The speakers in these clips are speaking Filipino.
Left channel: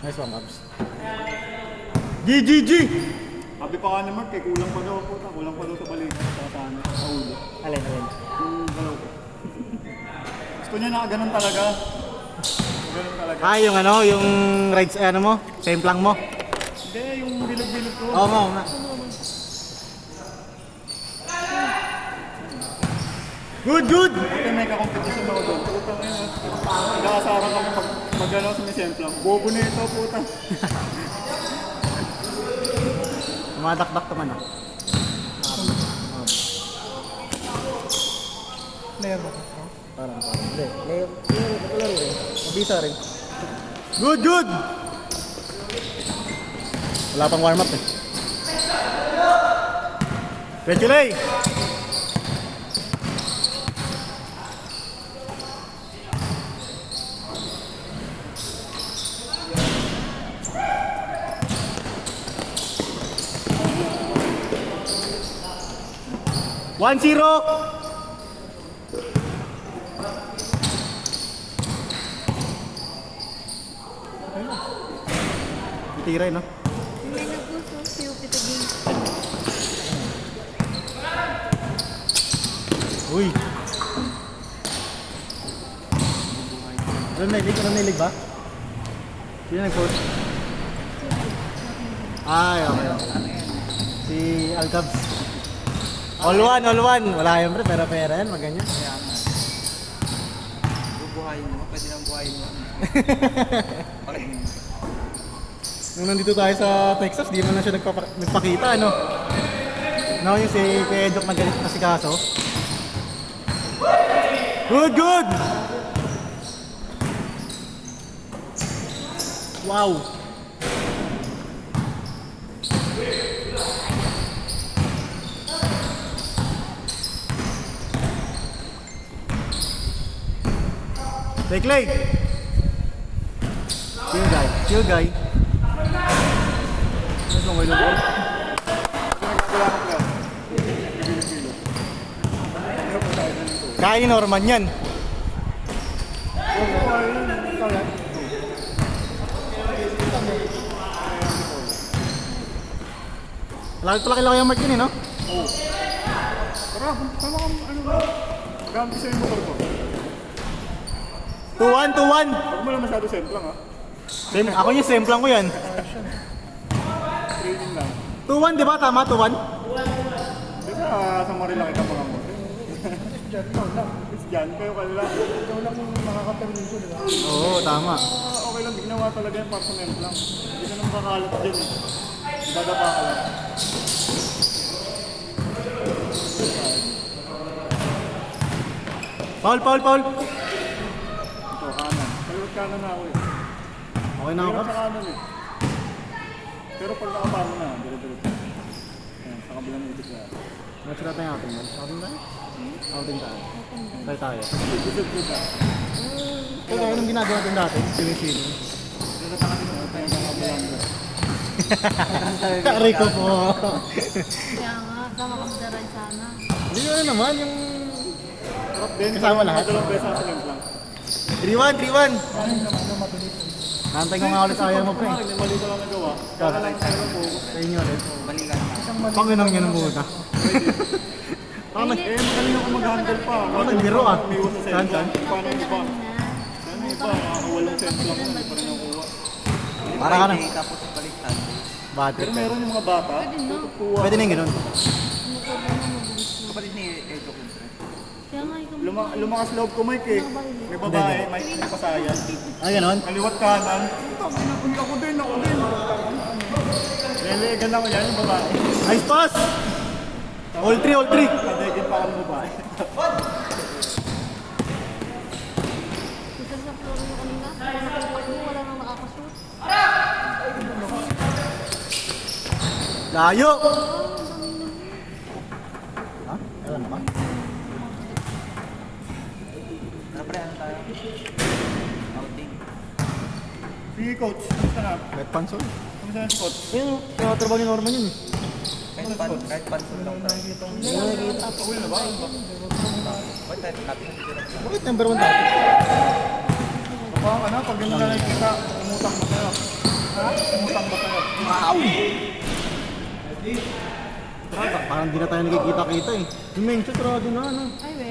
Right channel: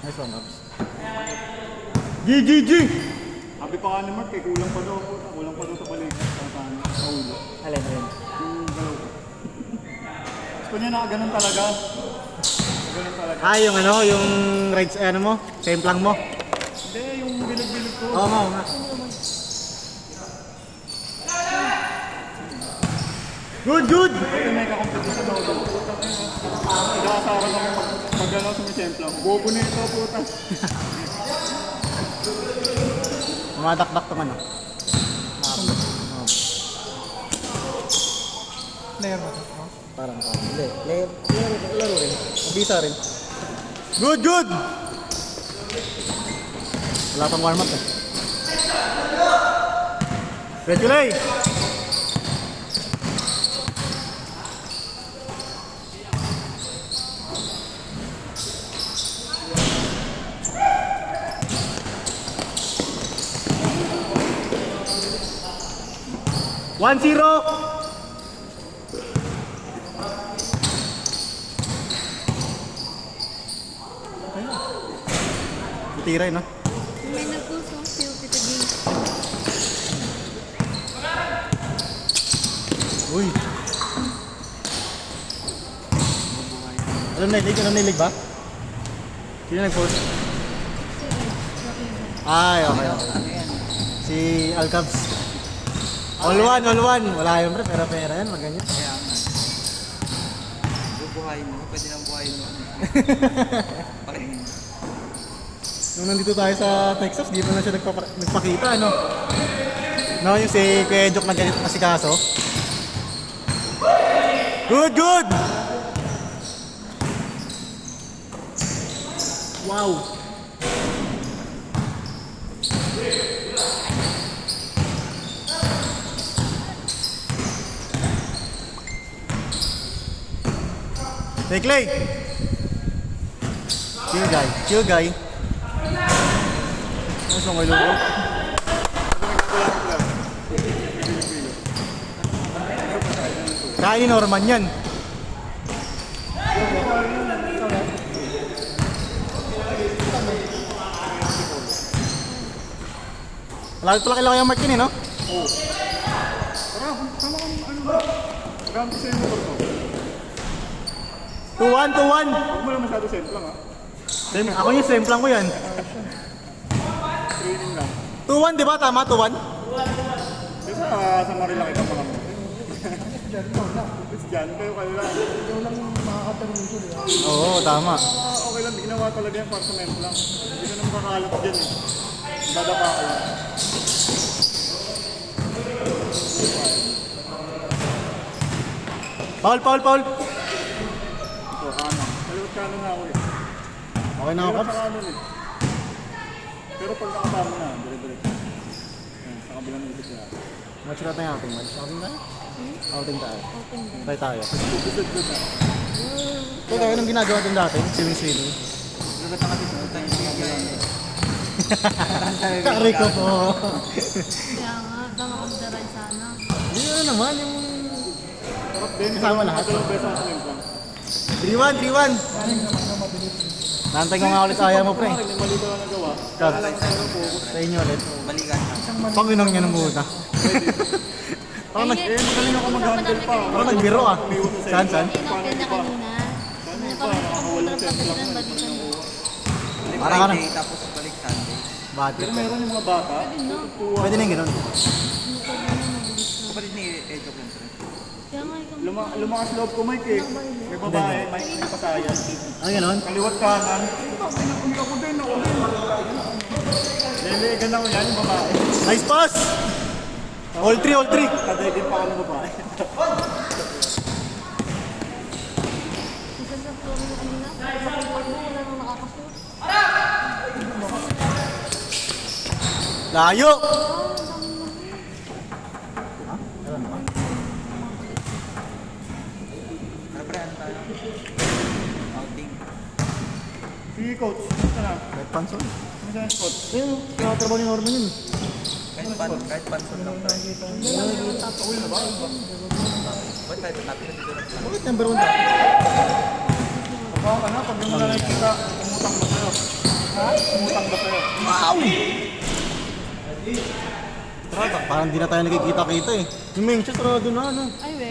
Nice one, Abs. G! Sabi pa nga naman, kay kulang pa daw sa balik. Sa ulo. Alin. Yung gano'n. Gusto niya na ganun talaga. Ganun talaga. Ah, yung ano, yung rides, ano mo? Templang mo? Hindi, yung bilog-bilog ko. Oo nga. Good! Ito may kakampi sa mga doon. Nag-aasaran lang mag-gano'n sa misempla. Bobo na ito, puta. Tumadakdak naman, oh. Layer ba ito? Parang. Hindi. Layer rin. Mabisa rin. Good! Wala pang warm up eh. Ready, Ray! One zero. Tira no? Hindi na po si Upita din. Uy. Ano nilig ba? Sino nag-post? Ay, okay. Si Alcabs. All one. Wala yun pre, pero pera yan, maganyan. Kaya nga. Bubuhayin naman, pwede nang buhayin naman. Nung nandito tayo sa Texas, di mo na siya nagpakita, ano? No, yung si Kuya Edok na ganito kasi kaso. Good! Wow! Take leg! Chill guy. Ano sa ngayon ko? Kain Norman yan. Lalo pala kailangan yung mark yun eh, no? Oo. Tara, kailangan mo. Gampi sa inyo ito. 2-1. Huwag mo lang masyado sentro, ha? Ako yung semplang ko yan. Training lang. 2-1, di ba? Tama, 2-1? Kasi sa Marila kita mga mo. Diyan, ikaw lang. It's dyan, kayo lang. Ikaw lang makaka-terminito, di ba? Oo, tama. Okay lang, ginawa talaga yung para sa lang. Hindi ka na makakalat dyan eh. Dadapa ka lang. Foul. Ito, kanan. Kaliwat kanan na ako eh. Okay na ako. Hirap sa kanan eh. Pero pag nakapa mo na, dire-diretso. Ayan, sa kabilang ikot na. Match ka tayo natin. Outing na? Outing tayo. Tayo. Good na. Ito, anong ginagawa natin dati? Swimming. Kari ko po. Kaya nga, sama kang daray sana. Hindi na naman yung... Then, Kasama lahat? ito lang best na lang lang. 3-1. Nantay ko nga ulit ayaw mo, pre. Kumarin, may mali ko lang nagawa. Kaya lang tayo focus. Sa inyo rin. Balikan. Panginom niya ng buta. Magaling ako mag-handle pa. Ako nagbiro ah. Umiwas sa Saan? sentro. Paano Ganda iba? kanina. Paano iba? Nakakawalang sentro lang yan. Parang nakuha. Para ka na. Friday, tapos balik Sunday. Bad Pero trip. meron yung mga bata. Pwede na yung ganun. Motor na mabilis na. Kapatid ni Edok yun, pre. Kaya nga, ikaw Lumakas loob ko, Mike eh. May babae, may pasayan. Ano ganun? Kaliwat kanan. Ako din. Hindi, ganda ko yan, yung babae. Nice pass! All 3. Kadegin pa ako ng babae. isa sa floor mo kanina. Sa pagpag mo, wala nang nakakashoot. Layo! Ano pre, ano tayo? Outing. Sige coach, gusto na. Red pencil. Gusto na coach. Ayun, trabaho ni Norman yun. Kahit pansol lang pre. Ba't tayo tatapos na dito lang? Bakit number 1 tayo? Baka ka na, pag hindi na nakikita, tumutak mo sa'yo. Umutang ba sa'yo? Parang di na tayo nakikita-kita eh. Yung main shot, sarado na ano. Ay, we.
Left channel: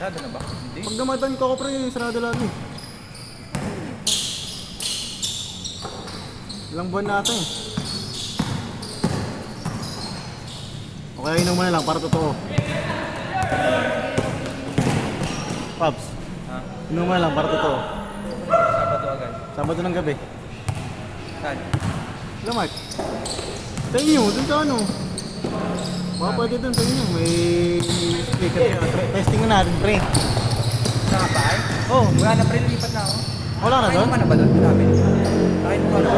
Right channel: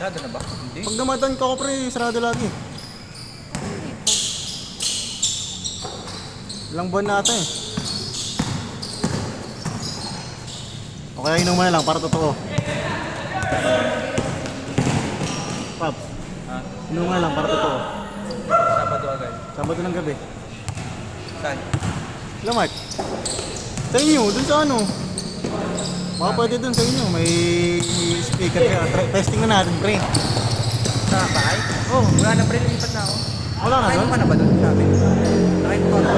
Dada na ba? Hindi. Pag namadaan ka ko pre, sarado lagi. Ilang buwan na ata eh. Okay, inom mo na lang para totoo. Paps, Ha? inom mo na lang para totoo. Sabado agad. Sabado ng gabi. Saan? Lamat. Sa inyo, dun sa ano. Baka pwede dun sa inyo, may speaker ka. Testing na natin, pre. Sa bahay? Oh, Wala na pre, lumipat na ako. wala na Nakain mo ba? ka na ba doon? Sabi. Nakain mo ka na?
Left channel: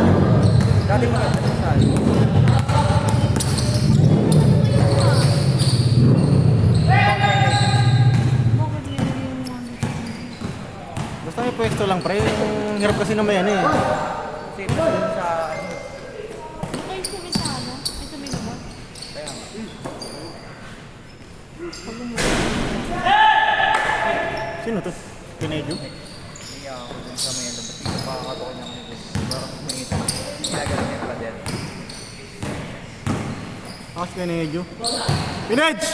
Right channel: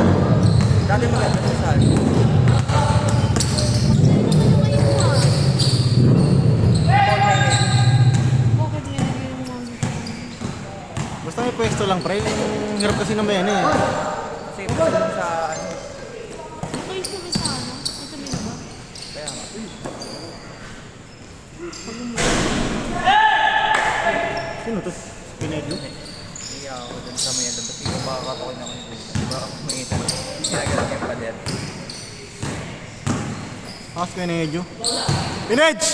Dati mo na saan? Bakit nilagay mo yung... Basta may pwesto lang, pre. Yung hirap kasi na may ano eh. Kasi doon sa ano. Bakit sa may sana? Ay, sa may laba? Kaya nga. Pag umuwi. Sino to? Pinedyo? Hindi ako doon sa mga doon. Pino pa ako ng mga parang kumita. Ginagalang yung pader. Ask Pinedyo. Pinedge!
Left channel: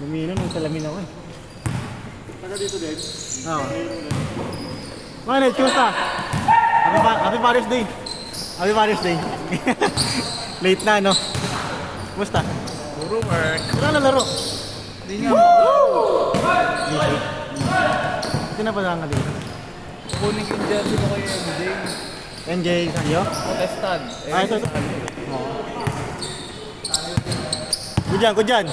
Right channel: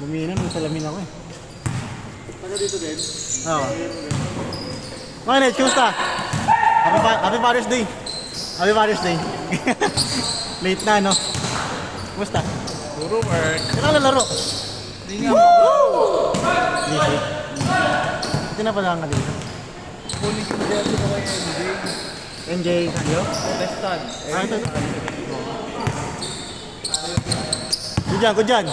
Luminan, may salamin ako eh. Taga dito din. Oo. Mga Ned, kumusta? Happy Father's Day. Happy Father's Day. Late na, no? Kumusta? Puro work. Kailan lalaro? Hindi nga. Late. Hindi na pala ang kalito. Kulig yung jersey ko kay MJ. MJ, sa'yo? Testan. Ah, ito. Good dyan.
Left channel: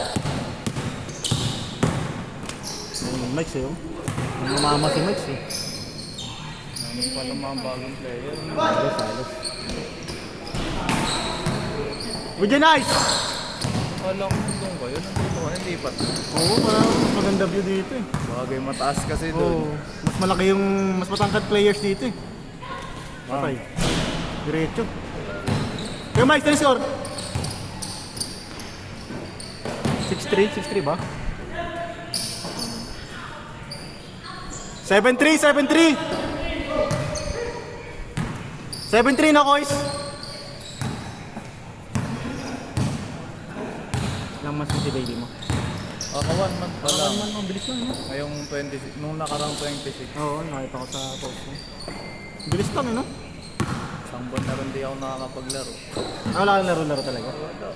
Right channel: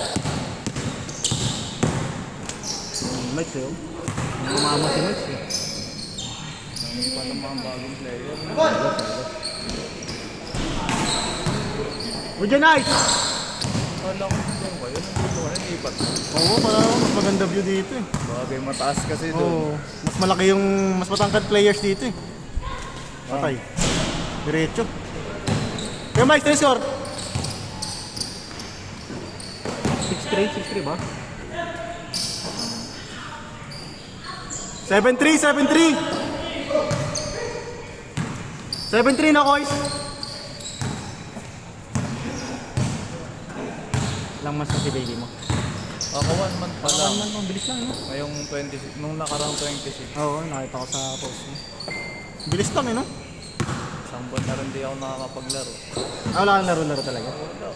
Max eh. Ang mama si Max eh. Good dyan, nice! Walang lang ba yun? Hindi pa. Oo, parang mas maganda view dito eh. Bagay mataas kasi doon. Oo, mas malaki yung, mas matangkad players dito eh. Okay. Diretso. Kaya Mike, ano score? 6-3 ba? 7-3 na boys. Lang mas si baby mo. Ako 1 month pa lang. Ang bilis lang, no? Ngayong 26, nung nakarang 26. Oo, nakita ko sa post mo. Bilis lang eh, no? Isang buwan na rin di ako nakakapaglaro. Ah, wala kang laro-laro talaga. Wala.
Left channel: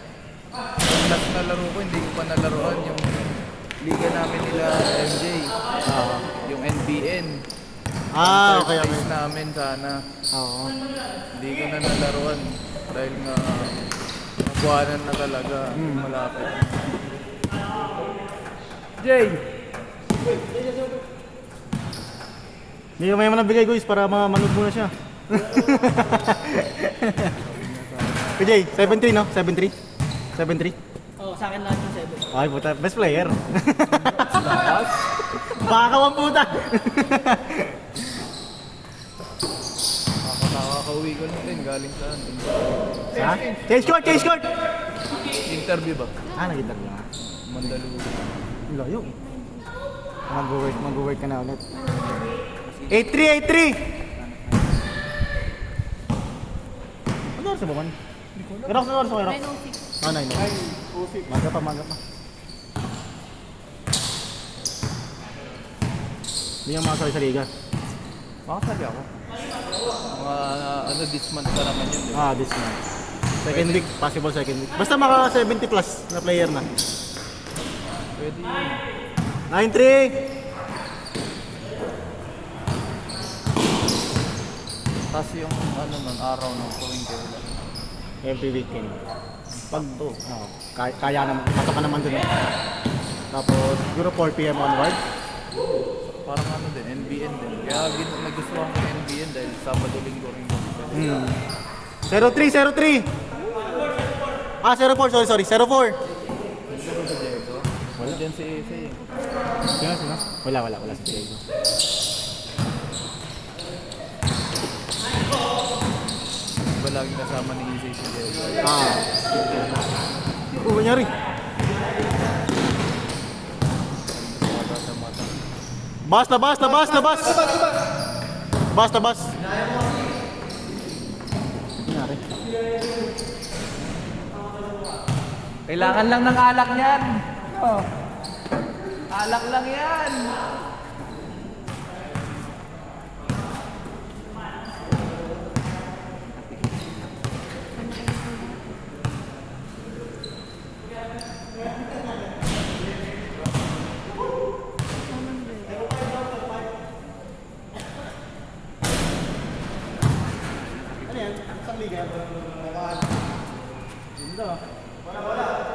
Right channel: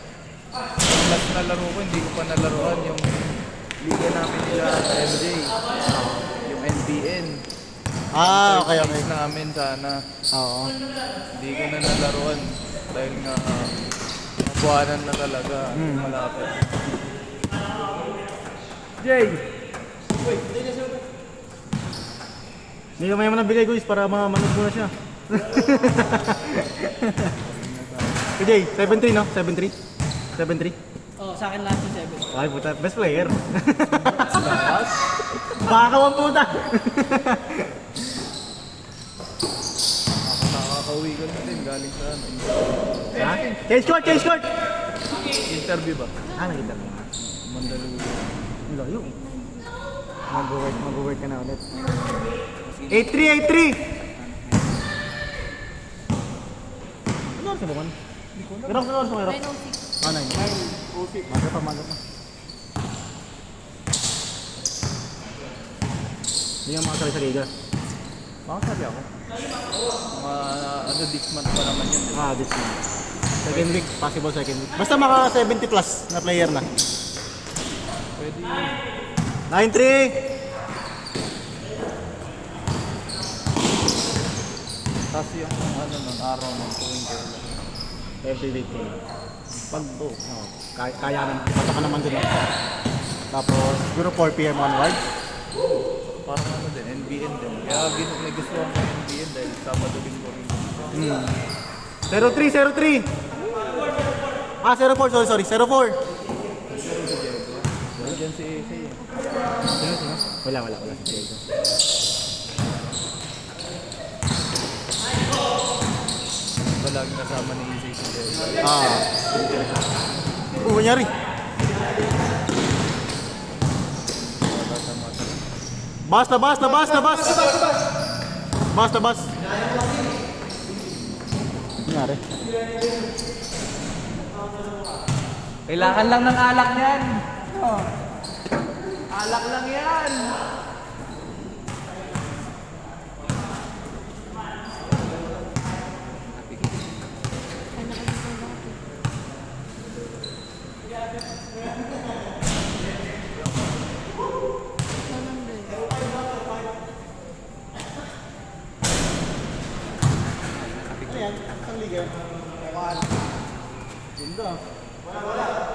Yung last na laro ko, hindi ko pa nalaruan yung liga namin nila MJ. Yung NBN. Ah, Third okay, okay. place namin sana. Oo. Hindi ko na nalaruan dahil nga kabuhanan na talaga. Malapit. Jay! May mo nabigay guys para manood mo na siya. Jay, 7-3 no? 7-3? 7-3? Oh, sa akin lahat ng 7. Ay puta, best player. Bakakawan puta. Nakakauwi ko na din galing sa Ha? Change court! interview to. Ah, nakita ko nga. Mandaluyong. Ang layo. Mag-work ka na ulit. 8-3! Ano oras ba man? Ganang sa oras mo kayo? 906. Ah, 9. Maga pa. Hindi yung mga sali sa liga. Makasali ako. Mga ano this month pa naman yun. Ah, this month. Second week, possible second week. Basta maka 70 plus na player na. Pwede yun. 9-3! Kasi yung ano ng araw ng tuwing kayo. Every weekend. Pag, kaya naman. Ito ka naman dun. Tapos, siguro 4 p.m. onward. Parang ano din, NBN din. Kaya nagustuhan ko yung NBN dahil Sabado Linggo rin. 0-3! Ah, 0-4. Sorry. 0-4. Diyan si AC. Wala. Ba laging kasama ni AC si Diego? Ah. Kunyari. Labas, labas, labas, labas! Labas, labas! Nangyari? Kailangan lang ng alak yan. Alak lang yan.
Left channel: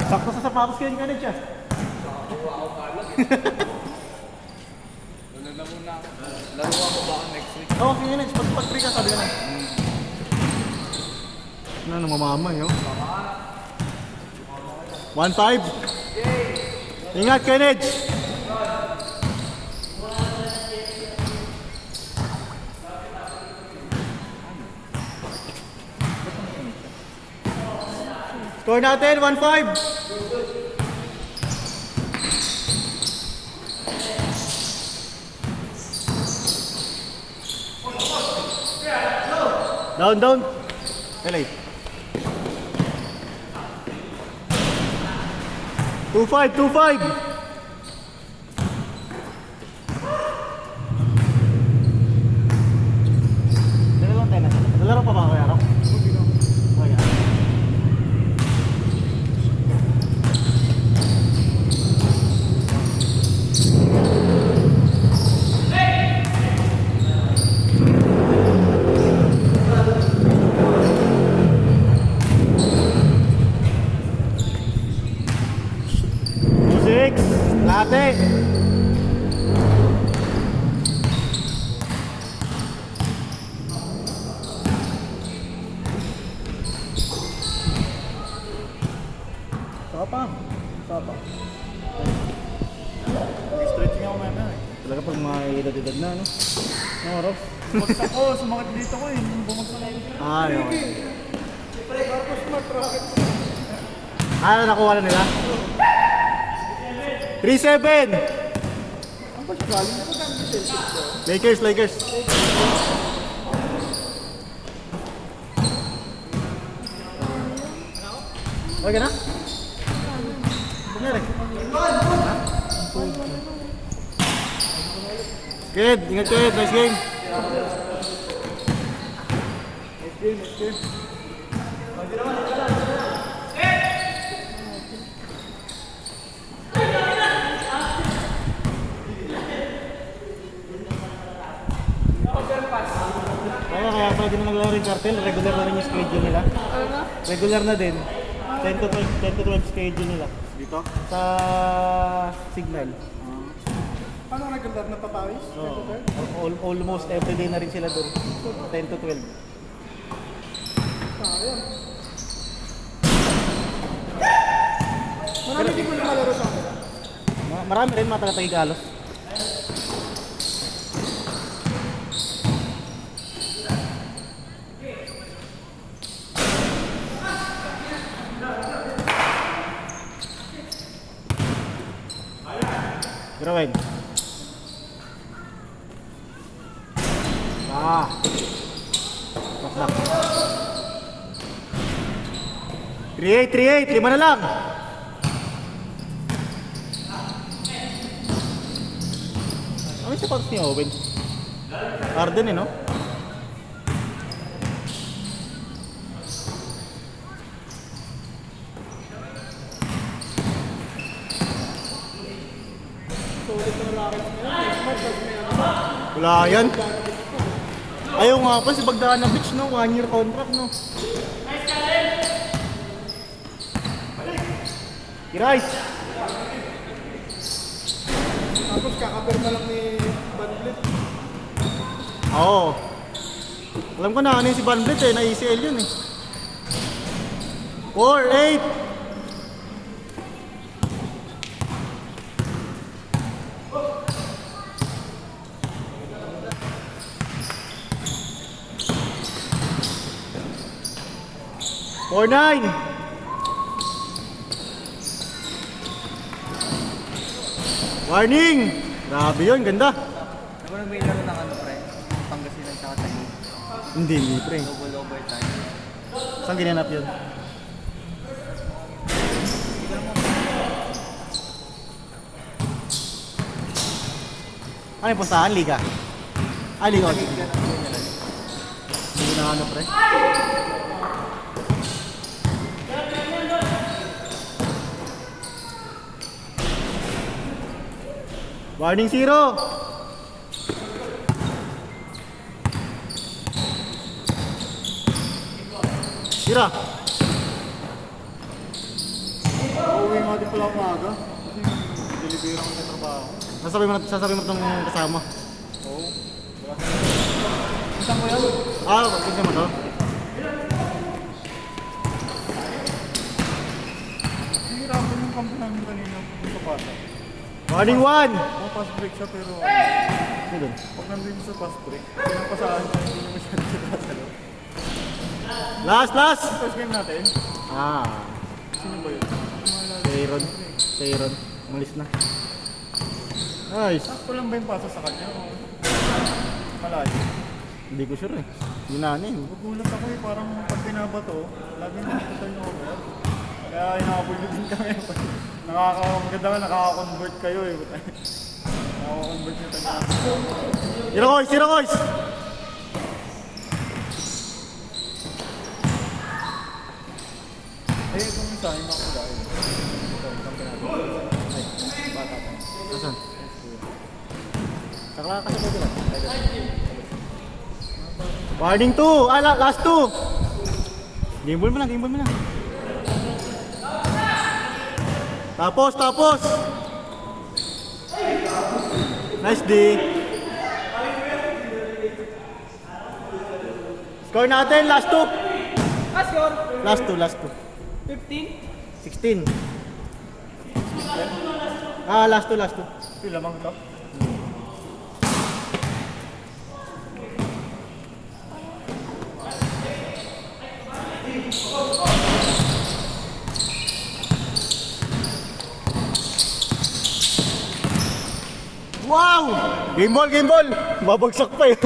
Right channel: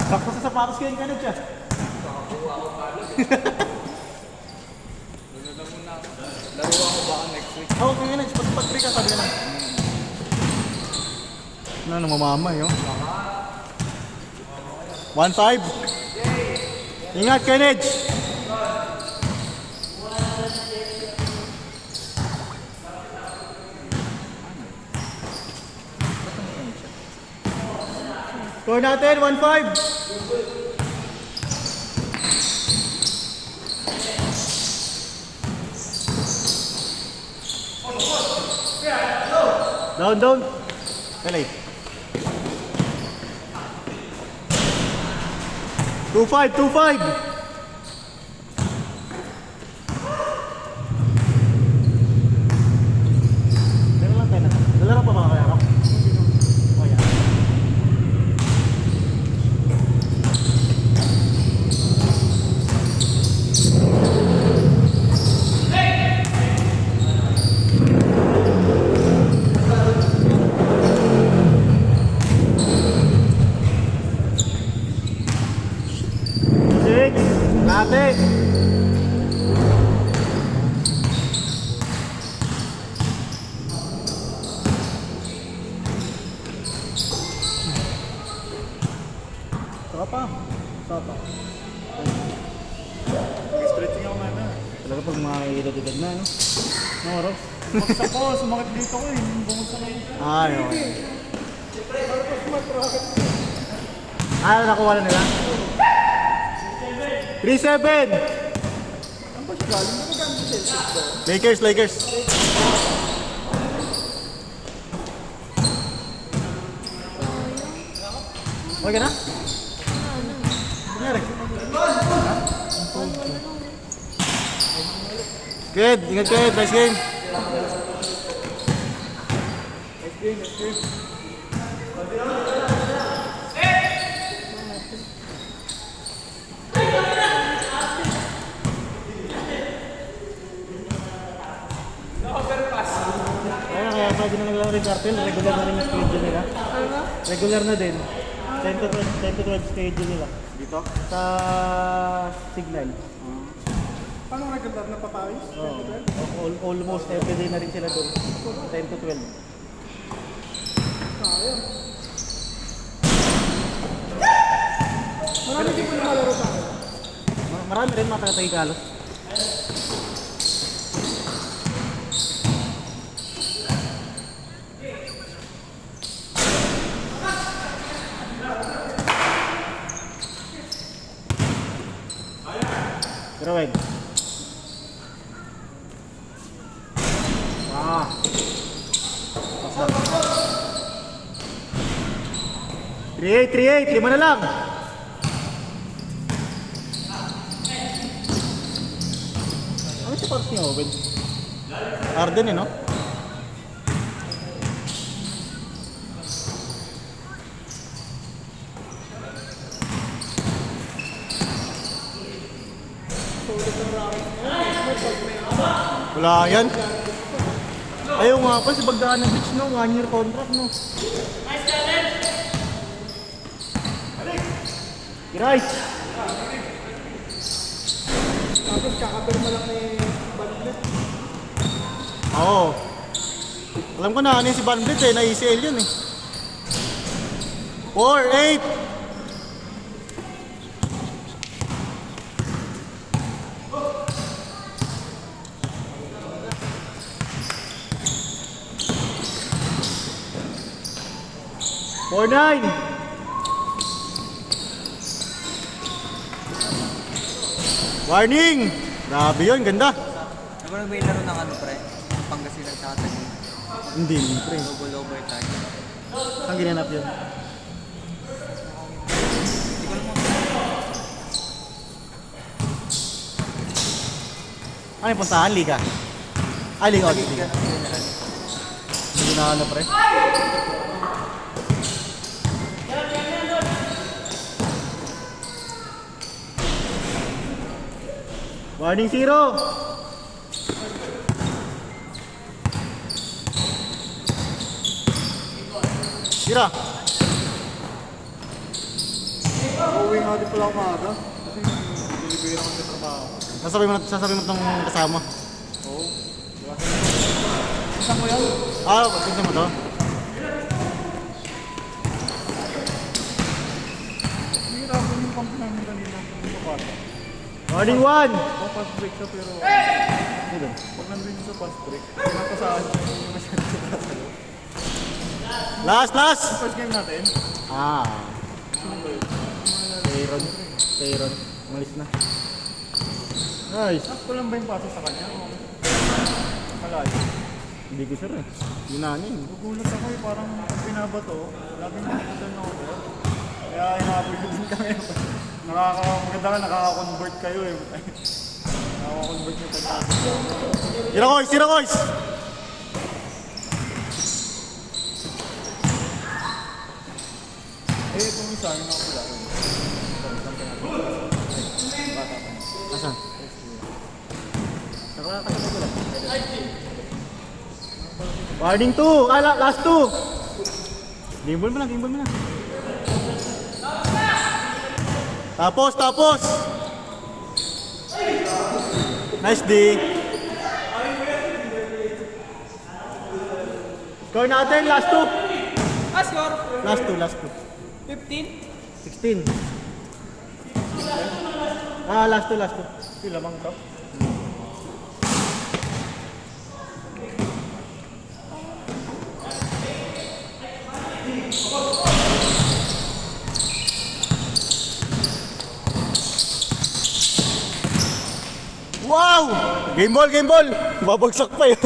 Sakto sa sapatos kayo yung kanit siya. Laro ako baka next week. Oo, kaya nga, pag-free ka, sabi ka na. Ano, namamamay, oh. 1-5. Ingat, Kenneth! Score natin, 1-5. Down, down. Pelay. 2-5, 2-5. Lalaro pa ba kaya? Sapa. Sapa. Stretching ako na. Talaga pag may edad-edad na, no? No, Rob? Bumagsak ko, sumakit dito ko eh. Bumagsak ako. Ay, okay. Ah, nakuha na nila? 3-7! Ang pagkakalin ko gamit din. Lakers, Lakers. Okay ka na? Kunyari. Good, ingat good, nice game. Kaya pwede na nila rin cartel, regular na rin yung schedule nila. Regular na din. 10 to 12 schedule nila. Dito? Sa Signal. Ano ang regular na papawis? Almost every day na rin sila doon. 10 to 12. Pero hindi ko na malaro sa ako. Marami rin mga taga-Tagalos. Grawin. Ah. 3-8, 5 na lang. Ano si Parks niya, Owen? Arden eh, no? Wala yan. Ayaw nga pa si Bagdaan ng Beach, no? 1 year contract, no? Kirais! Tapos kakapirma lang ni Banblit. Oo. Alam ko na ano yung si Van Vliet eh, na-ECL yun eh. 4-8! Nine. Warning! Grabe yun, ganda. Di ba may laro ng ano pre? Pangasinan sa atin. Hindi, pre. Double overtime. Saan ginanap yun? Hindi ko naman. Ano yung puntahan? Liga? Ay, liga. Tagig ka ng general. Hindi na ano, pre. Warning 0! Tira! Uuwi nga din pala ako maaga. Kasi delivery ako sa trabaho. Sasabi mo itong kasama. Oo. Isang ko yan. Ba't kasama to? Hihirapan yung kampo namin kanina. Warning 1! Fast break siya pero Ano dun? pag nandun sa fast break, pinapasahan siya, hindi niya masyado sa tatalo. Last! First game natin, sino ba yun? Aaron. Aaron. Malis na. Nice. Ako lang ba yung pasa sa kanya? Malayo. Hindi ko sure eh. Yun na ano eh. Nagulat ako eh, parang pag pinabato, laging nakita niyo over. Kaya inaabol din kami. Maganda ka, nakaka-convert kayo eh. Nakaka-convert mo tayo. Tira koys! Tira koys! Eh, kung isa, yung nakakula. Ito, isang pinabato. Ay, bata pa. Asan? Nakakakita ko lang. Warning 2! Last 2! Game ball mo na, game ball mo na. Tapos! Nice D! Score natin, last 2! Score! Last 2. 15? 16. Last 2. Pila bang ito? Wow! Game ball! Babagsak pa eh.